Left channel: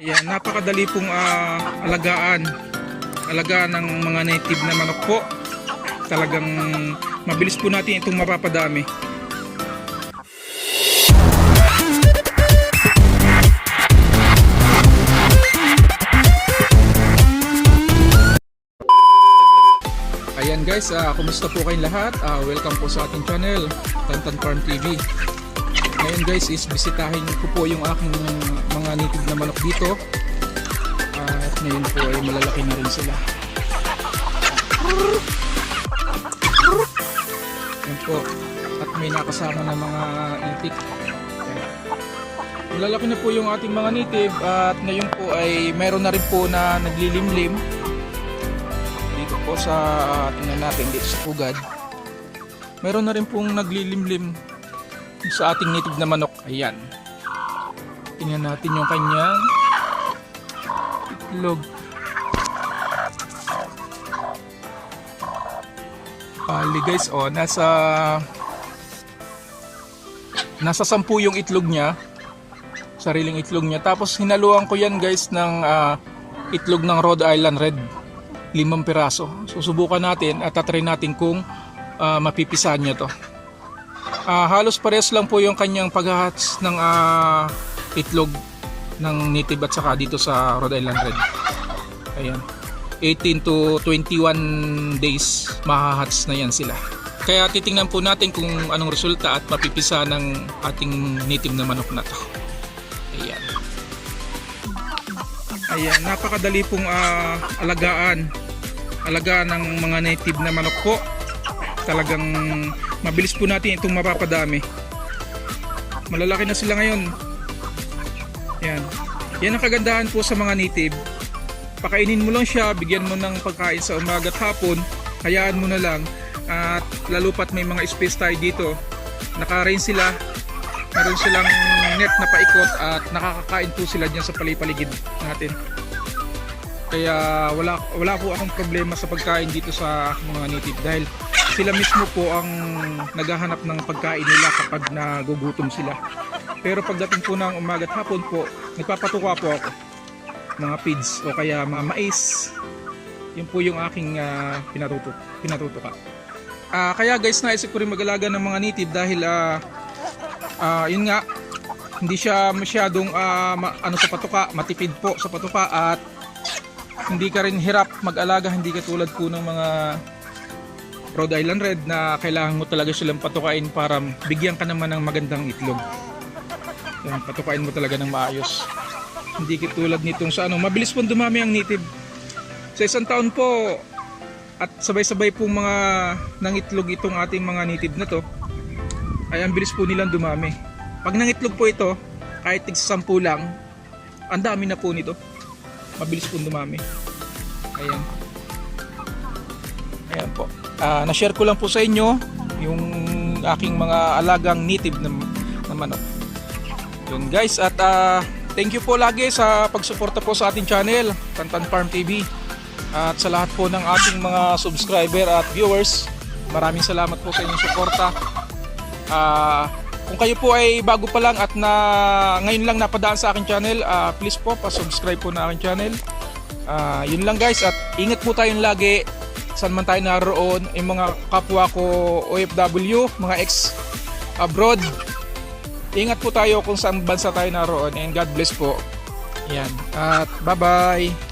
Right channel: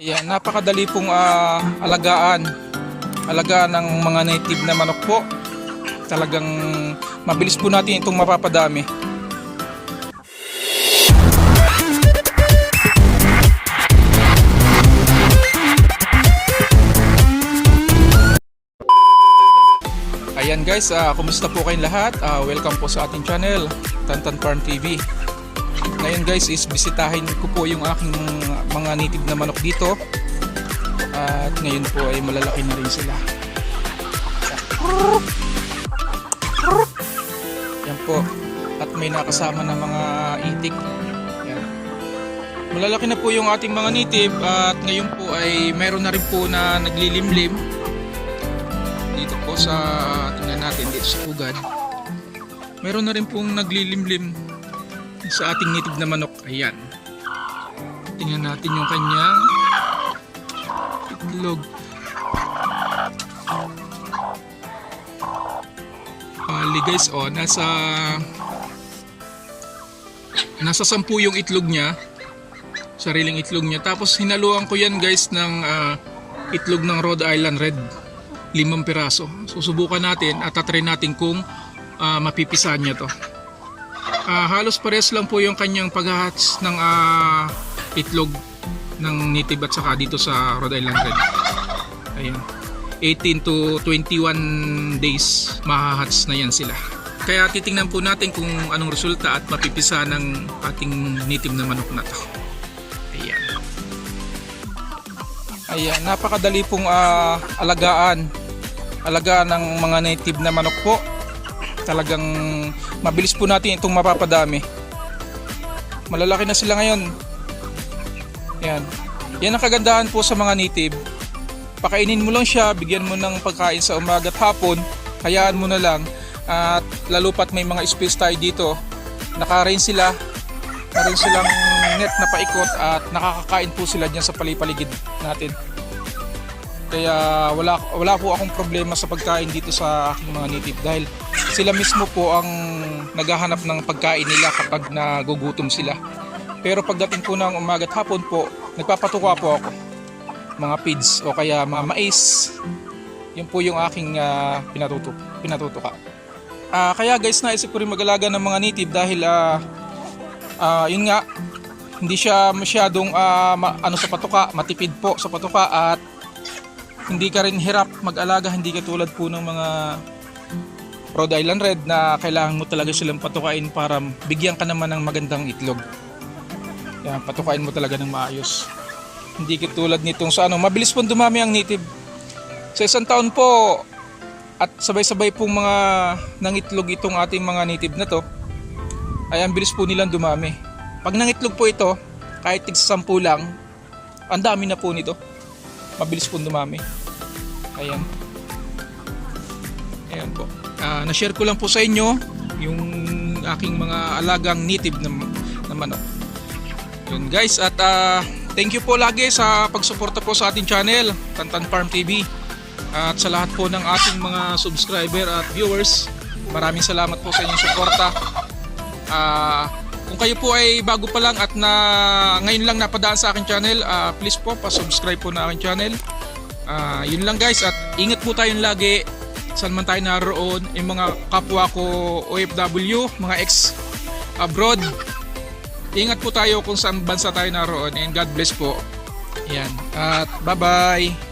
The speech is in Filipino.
Ayan, napakadali pong ah, alagaan. Alagaan ng mga native na manok po. Talagang mabilis po natin itong mapapadami. Ayan guys, ah, kumusta po kayong lahat? Ah, welcome po sa ating channel, Tantan Farm TV. Ngayon guys is bisitahin ko po yung aking mga native na manok dito. At ngayon po ay malalaki na rin sila. Yan po. At may nakasama na mga itik. Yan. Malalaki na po yung ating mga native at ngayon po ay meron na rin po na naglilimlim dito po sa tingnan natin dito sa pugad. Meron na rin pong naglilimlim sa ating native na manok. Ayan. Tingnan natin yung kanyang itlog. Bali guys, oh, nasa nasa sampu yung itlog niya. Sariling itlog niya. Tapos hinaluan ko yan guys ng ah, itlog ng Rhode Island Red. Limang piraso. Susubukan natin at tatry natin kung ah, mapipisahan niya to. Ah, halos parehas lang po yung kanyang paghahats ng ah, itlog ng native at saka dito sa Rhode Island Red. Ayan. 18 to 21 days mahahats na yan sila. Kaya titingnan po natin kung anong resulta at mapipisa ng ating native na manok na to. Ayan. Ayan, napakadali pong ah, alagaan. Alagaan ng mga native na manok po. Talagang mabilis po natin itong mapapadami. Malalaki na sila ngayon. Yan. Yan ang kagandahan po sa mga native. Pakainin mo lang siya, bigyan mo ng pagkain sa umaga at hapon, hayaan mo na lang. At lalo pat may mga space tayo dito. Naka-rain sila. Meron silang net na paikot at nakakakain po sila dyan sa palipaligid natin. Kaya wala wala po akong problema sa pagkain dito sa mga native dahil sila mismo po ang naghahanap ng pagkain nila kapag nagugutom sila. Pero pagdating po ng umaga at hapon po, nagpapatuka po ako. Mga feeds o kaya mga mais. Yun po yung aking ah, pinatutok, pinatutuka. Ah, kaya guys, naisip ko rin mag-alaga ng mga native dahil ah, ah, yun nga, hindi siya masyadong ah, ma- ano sa patuka, matipid po sa patuka at hindi ka rin hirap mag-alaga, hindi ka tulad po ng mga Rhode Island Red na kailangan mo talaga silang patukain para bigyan ka naman ng magandang itlog. Yan, patukain mo talaga ng maayos. Hindi katulad nitong sa ano, mabilis pong dumami ang native. Sa isang taon po, at sabay-sabay pong mga nangitlog itong ating mga native na to, ay ang bilis po nilang dumami. Pag nangitlog po ito, kahit tig sampu lang, ang dami na po nito. Mabilis po dumami. Ayan. Ayan po. Ah, na-share ko lang po sa inyo yung aking mga alagang native na, na manok. Yun guys at ah, thank you po lagi sa pagsuporta po sa ating channel, Tantan Farm TV. At sa lahat po ng ating mga subscriber at viewers, maraming salamat po sa inyong suporta. Ah, kung kayo po ay bago pa lang at na ngayon lang napadaan sa aking channel, ah, please po pa-subscribe po na aking channel. Ah, yun lang guys at ingat po tayong lagi saan man tayo naroon yung mga kapwa ko OFW, mga ex abroad. Ingat po tayo kung saan bansa tayo naroon and God bless po. Yan. At bye-bye.